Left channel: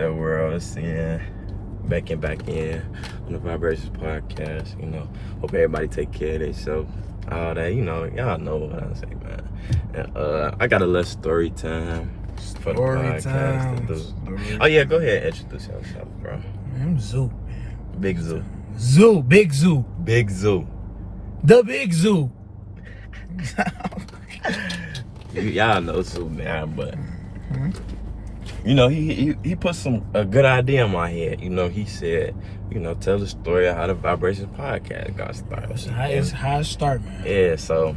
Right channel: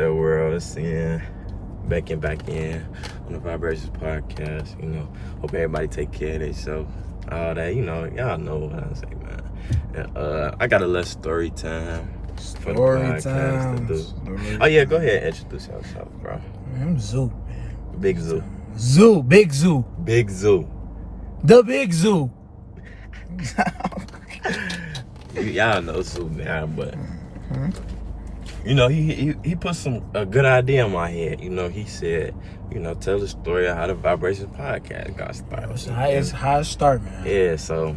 that world? It's back in on the Vibrations podcast. Hope everybody take care of themselves. All that, y'all know what I say, man. And I got a little story time for the podcast to do. Oh yeah, go ahead and introduce yourself, bro. I'm Zoo, man. Big Zoo. Big Zoo. Big Zoo. The Big Zoo. Y'all know Zoo, man, but he put a good idea in my head. He said, tell the story of how the Vibrations podcast got started. It's how it started, man. Yeah, so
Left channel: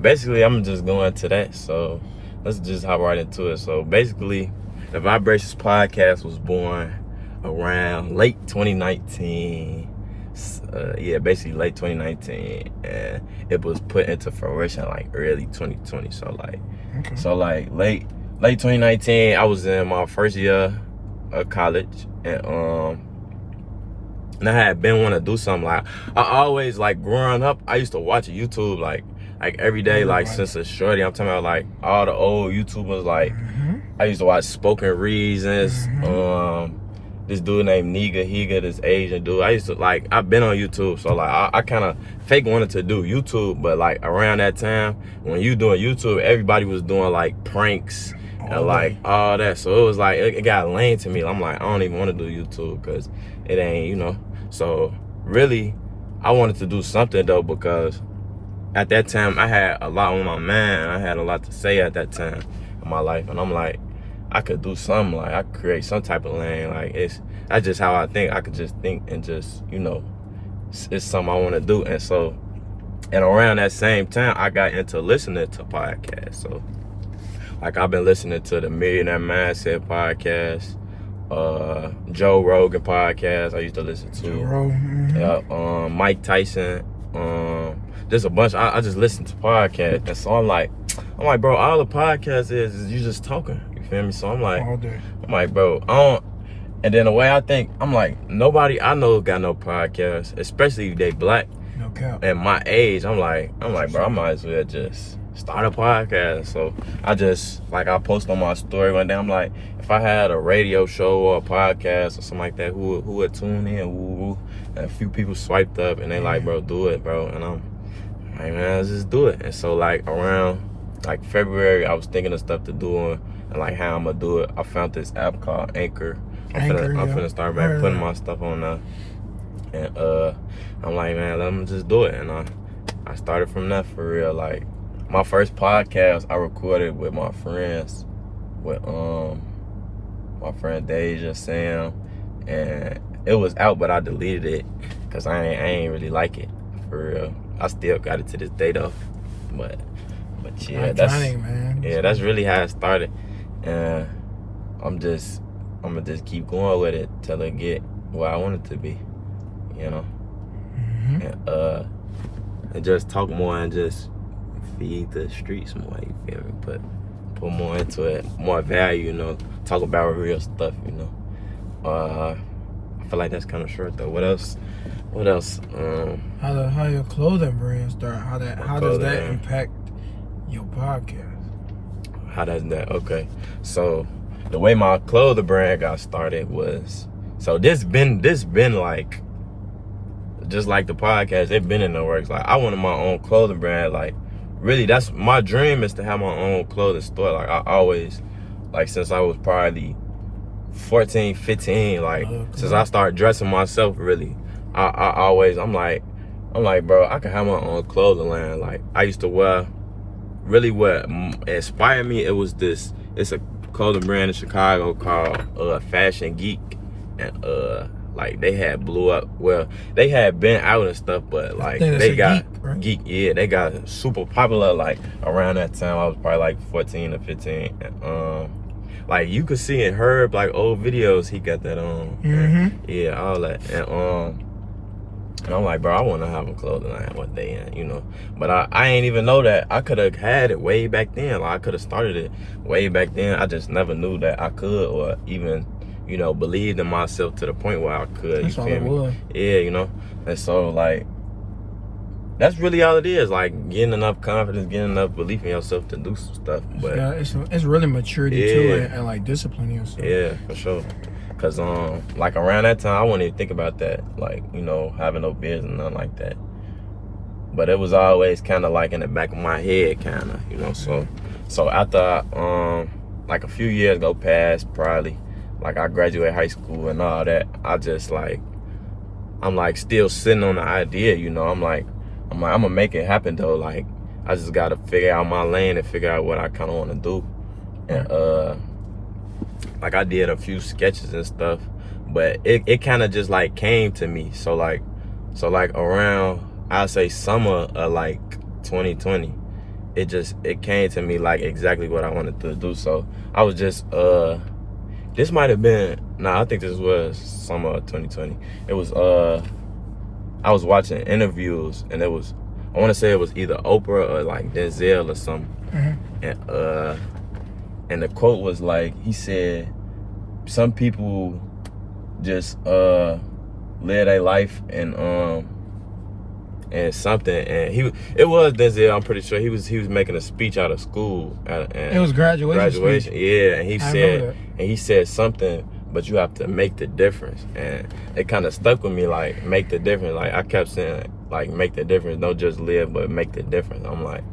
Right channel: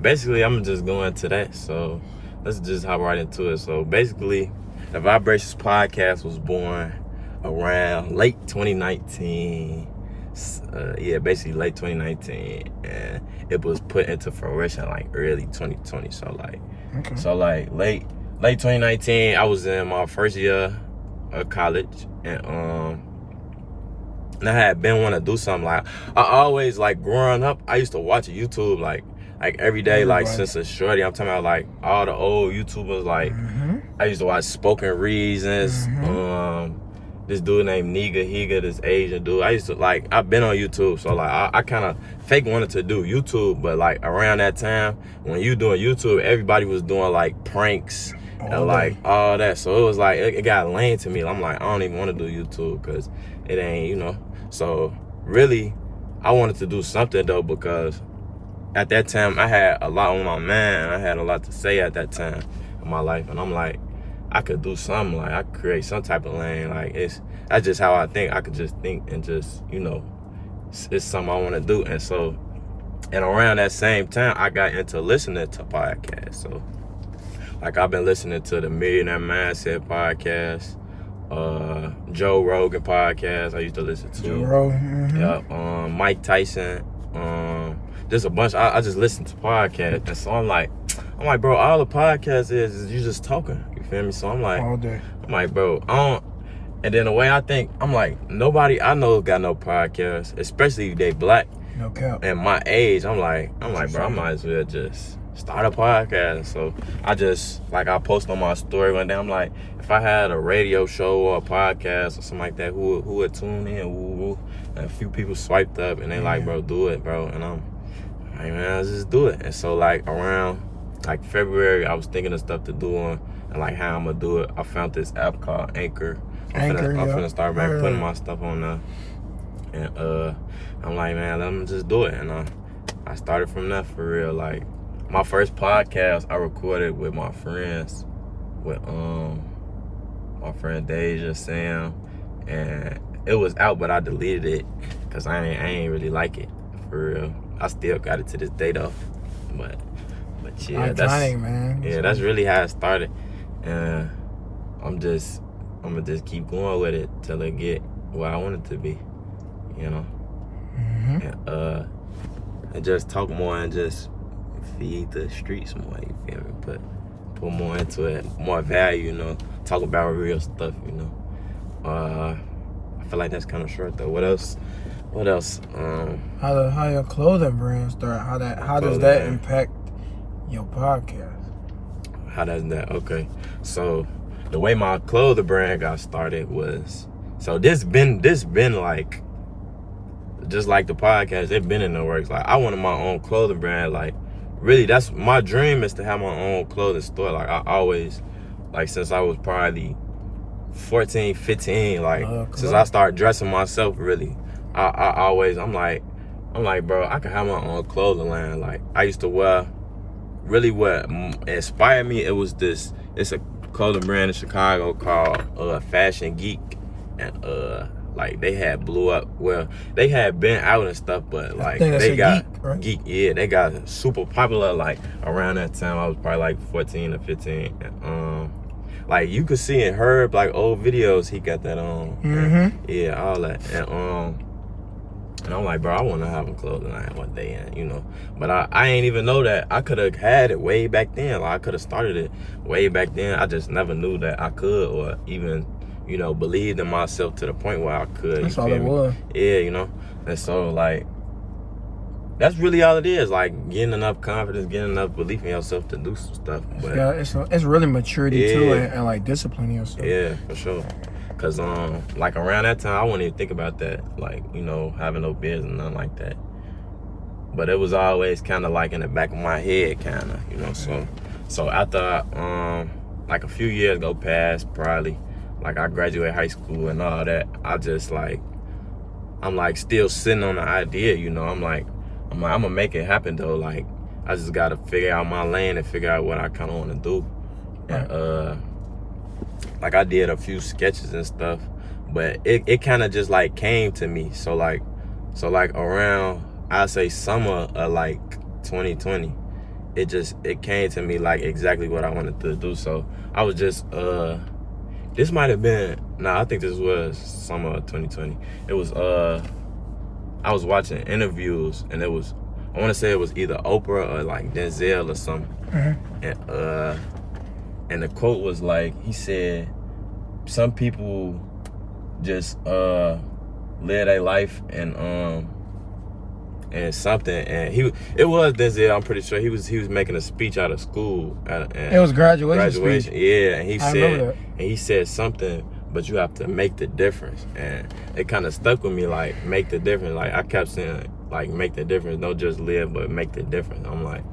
basically I'm just going to that. So let's just hop right into it. So basically, the Vibrations podcast was born around late 2019. Basically late 2019, and it was put into fruition like early 2020. So late 2019, I was in my first year of college, and I had been wanting to do something. Like, I always, like, growing up, I used to watch YouTube like every day, like since a shorty. I'm talking about like all the old YouTubers. Like, I used to watch Spoken Reasons. This dude named Higa, this Asian dude. I've been on YouTube, so like I kind of fake wanted to do YouTube, but like around that time when you doing YouTube, everybody was doing like pranks and like all that. So it was like it got lame to me. I'm like, I don't even want to do YouTube because it ain't, So really, I wanted to do something though, because at that time I had a lot on my mind. I had a lot to say at that time in my life, and I'm like, I could do something, like I could create some type of lane. Like that's just how I think. I could just think and just, it's something I want to do. And around that same time, I got into listening to podcasts. So like I've been listening to the Millionaire Mindset podcast, Joe Rogan podcast. I used to listen to Joe Rogan. Mike Tyson. Just a bunch. I just listen to podcasts, and so I'm like, bro, all the podcast is you just talking. You feel me? So I'm like, bro, I don't. And then the way I think, I'm like, nobody I know got no podcast, especially if they black. No cap. At my age, I'm like, bro, I might as well just start a podcast. So I post on my story one day. I'm like, if I had a radio show or a podcast or something like that, who would tune in? Woo. And a few people swiped up and they like, bro, do it, bro. And I'm like, man, let's just do it. And so like around like February, I was thinking of stuff to do and like how I'm gonna do it. I found this app called Anchor. I'm finna start putting my stuff on there. And I'm like, man, let me just do it. And I started from that for real. Like my first podcast I recorded with my friends, with my friend Deja, Sam, and it was out, but I deleted it because I ain't really like it for real. I still got it to this day though, but yeah, that's really how it started. And I'm gonna just keep going with it till it get where I want it to be, and just talk more and just feed the streets more. You feel me? Put more into it, more value. Talk about real stuff. I feel like that's kind of short though. What else? How your clothing brand start? How does that impact your podcast? How does that? Okay, so the way my clothing brand got started was, so this been like, just like the podcast, it been in the works. Like I wanted my own clothing brand. Like really, that's my dream, is to have my own clothing store. Like I always, like since I was probably 14, 15, like since I started dressing myself, really, I always, I'm like, bro, I could have my own clothing line. Like I used to wear, really what inspired me, it's a clothing brand in Chicago called Fashion Geek, and like they had blew up. Well, they had been out and stuff, but like they got Geek, yeah, they got super popular like around that time. I was probably like 14 or 15. And, like you could see in Herb, like old videos, he got that on. And, yeah, all that. And I'm like, bro, I want to have a clothing line one day, But I ain't even know that I could have had it way back then. Like I could have started it way back then. I just never knew that I could, or even, believed in myself to the point where I could. That's all it was. Yeah, And so like, that's really all it is. Like getting enough confidence, getting enough belief in yourself to do some stuff. But it's really maturity too, and like disciplining yourself. Yeah, for sure. Cause like around that time I wouldn't even think about that, like, you know, having no business and nothing like that. But it was always kind of like in the back of my head, kind of, you know. So after like a few years go past, probably like I graduated high school and all that, I just like, I'm like still sitting on the idea, you know. I'm like I'm gonna make it happen though. Like I just gotta figure out my lane and figure out what I kind of want to do. And like I did a few sketches and stuff, but it kind of just like came to me. So like around, I'd say summer of like 2020, it came to me like exactly what I wanted to do. So I was just this might have been, I think this was summer of 2020. It was I was watching interviews, and it was, I want to say it was either Oprah or like Denzel or something. And the quote was like, he said, some people just live their life and something, and it was Denzel, I'm pretty sure. He was making a speech out of school. It was graduation speech. Yeah, and he said something, but you have to make the difference. And it kind of stuck with me, like, make the difference. Like, I kept saying, like, make the difference. Don't just live, but make the difference. I'm like,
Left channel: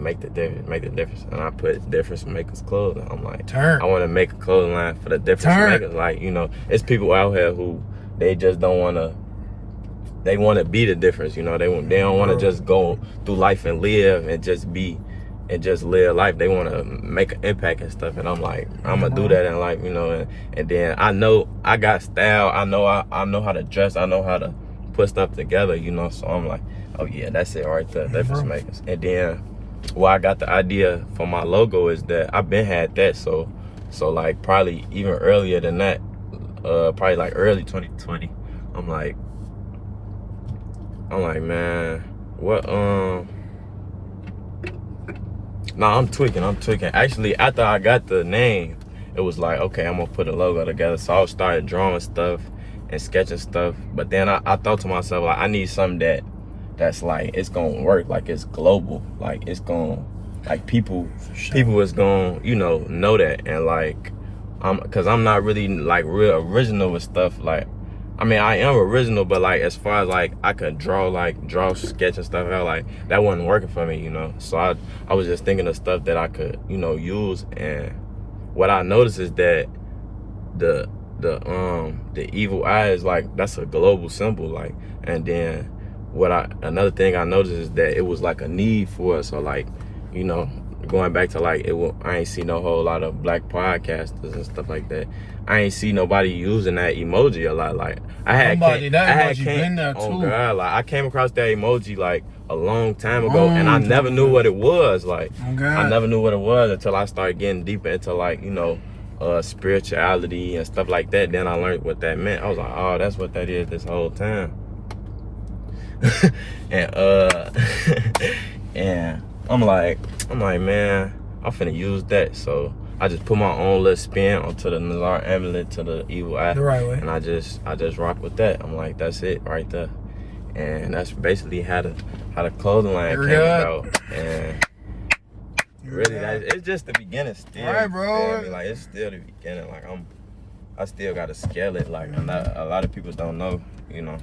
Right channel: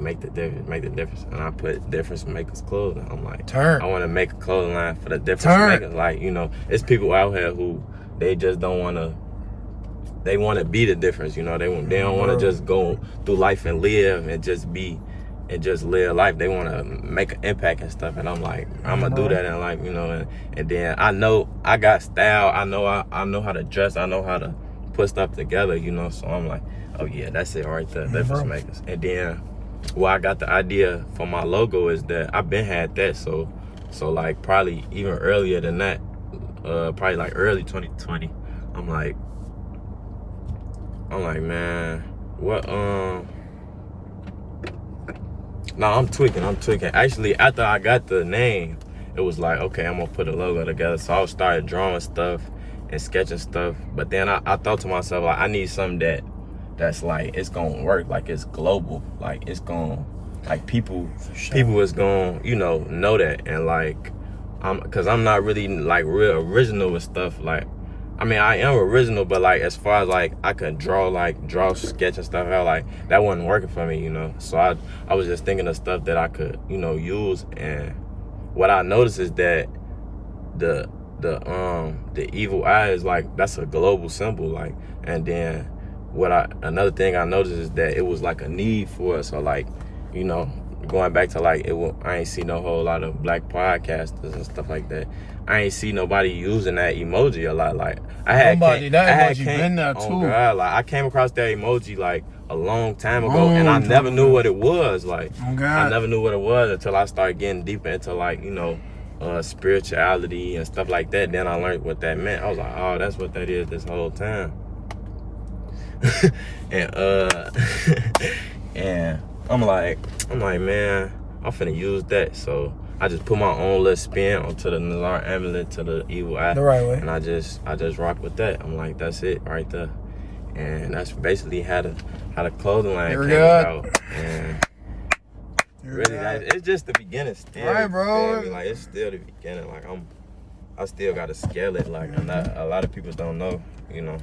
make the difference. And I put difference makers clothing. I'm like, I want to make a clothing line for the difference makers. Like, you know, it's people out here who, they just don't want to, they want to be the difference, you know. They don't want to just go through life and live and just be and just live life. They want to make an impact and stuff. And I'm like, I'm gonna do that in life, you know. And then I know I got style. I know how to dress. I know how to put stuff together, you know. So I'm like, oh yeah, that's it right there, difference makers. And then where I got the idea for my logo is that I've been had that. So like probably even earlier than that, probably like early 2020. I'm like, man, what, I'm tweaking. Actually, after I got the name, it was like, okay, I'm gonna put a logo together. So I started drawing stuff and sketching stuff. But then I thought to myself, like, I need something that's like, it's gonna work, like it's global. Like it's gonna, like people is gonna, you know that. And like, cause I'm not really like real original with stuff. Like, I mean, I am original, but like as far as like I could draw sketch and stuff out, like that wasn't working for me, you know. So I was just thinking of stuff that I could, you know, use. And what I noticed is that the evil eye is like, that's a global symbol, like. And then another thing I noticed is that it was like a need for it. So like, you know, going back to like, I ain't see no whole lot of black podcasters and stuff like that. I ain't see nobody using that emoji a lot. Like I came like I came across that emoji like a long time ago, and I never knew what it was. Like I never knew what it was until I started getting deeper into like, you know, spirituality and stuff like that. Then I learned what that meant. I was like, oh, that's what that is this whole time. And and I'm like, man, I'm finna use that. So I just put my own little spin onto the Nazar amulet, to the evil eye, the right way. And I just rock with that. I'm like, that's it right there. And that's basically how the clothing line came about. And really, it's just the beginning still. Right, bro. I mean, like, it's still the beginning. Like I still gotta scale it. Like, a lot of people don't know, you know.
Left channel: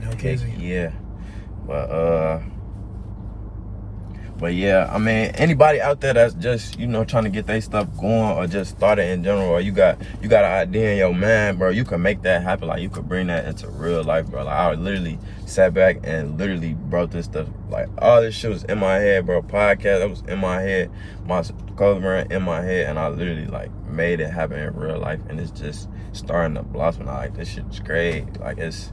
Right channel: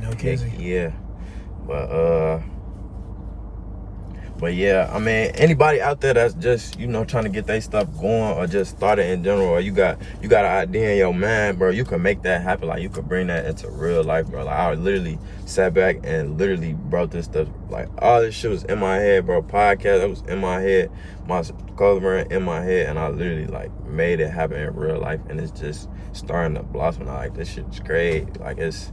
No kidding. Yeah. But yeah, I mean, anybody out there that's just, you know, trying to get their stuff going, or just started in general, or you got an idea in your mind, bro, you can make that happen. Like, you could bring that into real life, bro. Like, I literally sat back and literally brought this stuff, like, all this shit was in my head, bro. Podcast, that was in my head, my clothing brand in my head, and I literally, like, made it happen in real life, and it's just starting to blossom. Like, this shit's great. Like, it's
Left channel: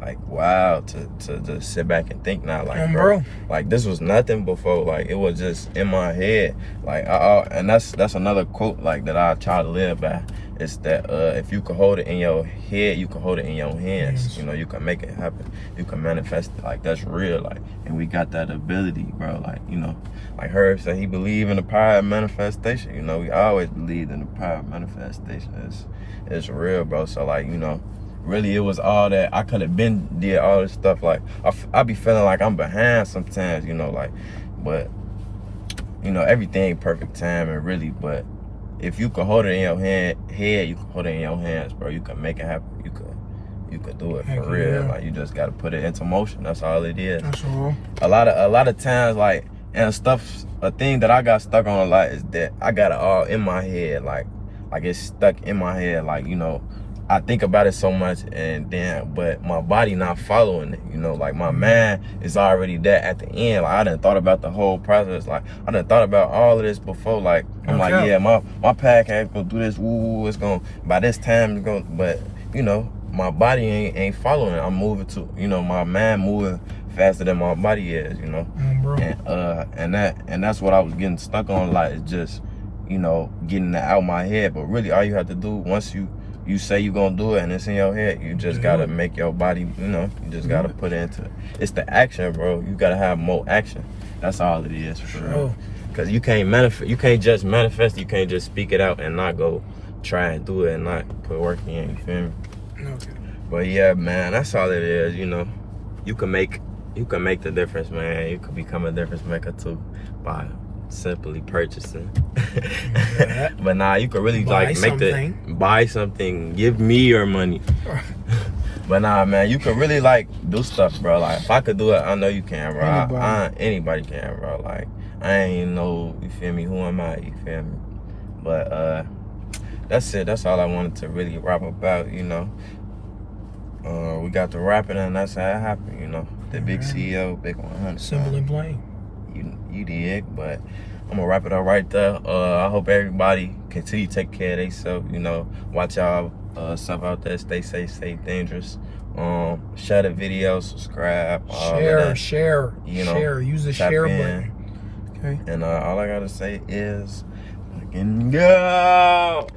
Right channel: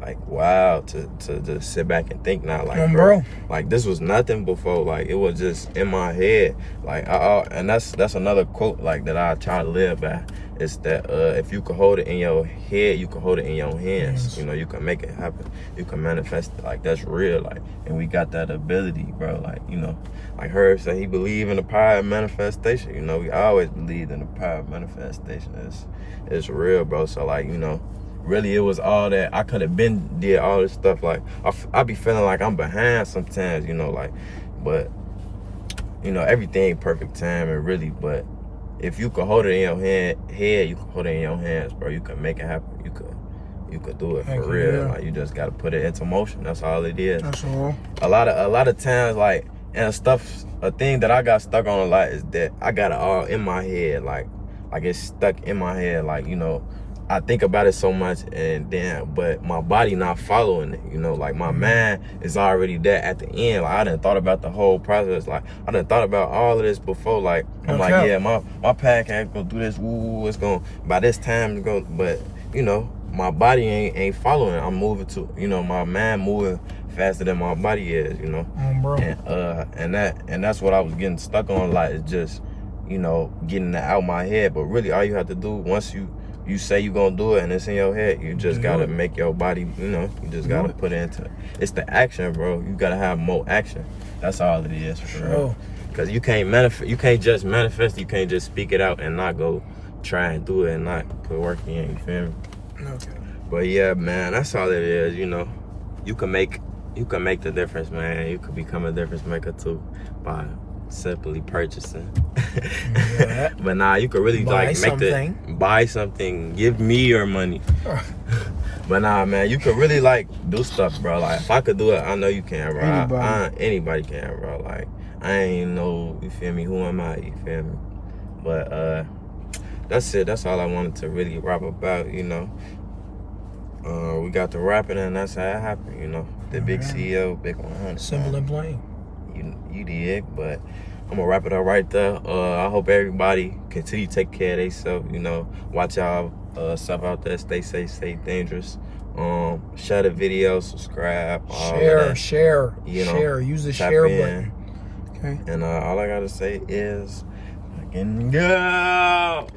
like, wow, to just sit back and think now, like, bro, like, this was nothing before. Like, it was just in my head. Like, and that's another quote, like, that I try to live by. It's that if you can hold it in your head, you can hold it in your hands. Yes. You know, you can make it happen. You can manifest it. Like, that's real. Like, and we got that ability, bro. Like, you know, like Herb said, he believed in the power of manifestation. You know, we always believed in the power of manifestation. It's real, bro. So, like, you know, really, it was all that. I could have did all this stuff. Like, I be feeling like I'm behind sometimes, you know, like, but, you know, everything perfect time, and really, but if you could hold it in your head, you can hold it in your hands, bro. You can make it happen. You could do it for real. Yeah. Like, you just gotta put it into motion. That's all it is. That's all. A lot of times, like, and stuff. A thing that I got stuck on a lot is that I got it all in my head. Like it's stuck in my head. Like, you know, I think about it so much, and then, but my body not following it. You know, like my mind is already there at the end. Like, I done thought about the whole process. Like, I done thought about all of this before. Like, I'm like, yeah, my podcast gonna do this. Ooh, it's gonna, by this time it's gonna, but you know, my body ain't following it. I'm moving to, you know, my mind moving faster than my body is, you know. Bro. And that's what I was getting stuck on a lot, is just, you know, getting that out my head. But really, all you have to do, once you say you're gonna do it and it's in your head, you just gotta make your body, you know, you just gotta put it into it. It's the action, bro. You gotta have more action. That's all it is, for real. Because you can't manifest, you can't just manifest, you can't just speak it out and not go try and do it and not put work in, you feel me? Okay. But yeah, man, that's all it is, you know. You can make the difference, man. You could become a difference maker too by simply purchasing. Yeah. But nah, you could really buy something, give me your money. But nah, man, you could really like do stuff, bro. Like, if I could do it, I know you can, bro. Anybody can, bro. Like, I ain't know, you feel me, who am I, you feel me? But that's it. That's all I wanted to really rap about, you know. We got to rapping, and that's how it happened, you know. The big CEO, big 100. Simple and plain. You dig, but I'm gonna wrap it up right there. I hope everybody continue to take care of themselves, you know. Watch y'all stuff out there. Stay safe, stay dangerous. Share the video, subscribe. Share. You know, share. Use the share button. Okay. And all I gotta say is, fucking go.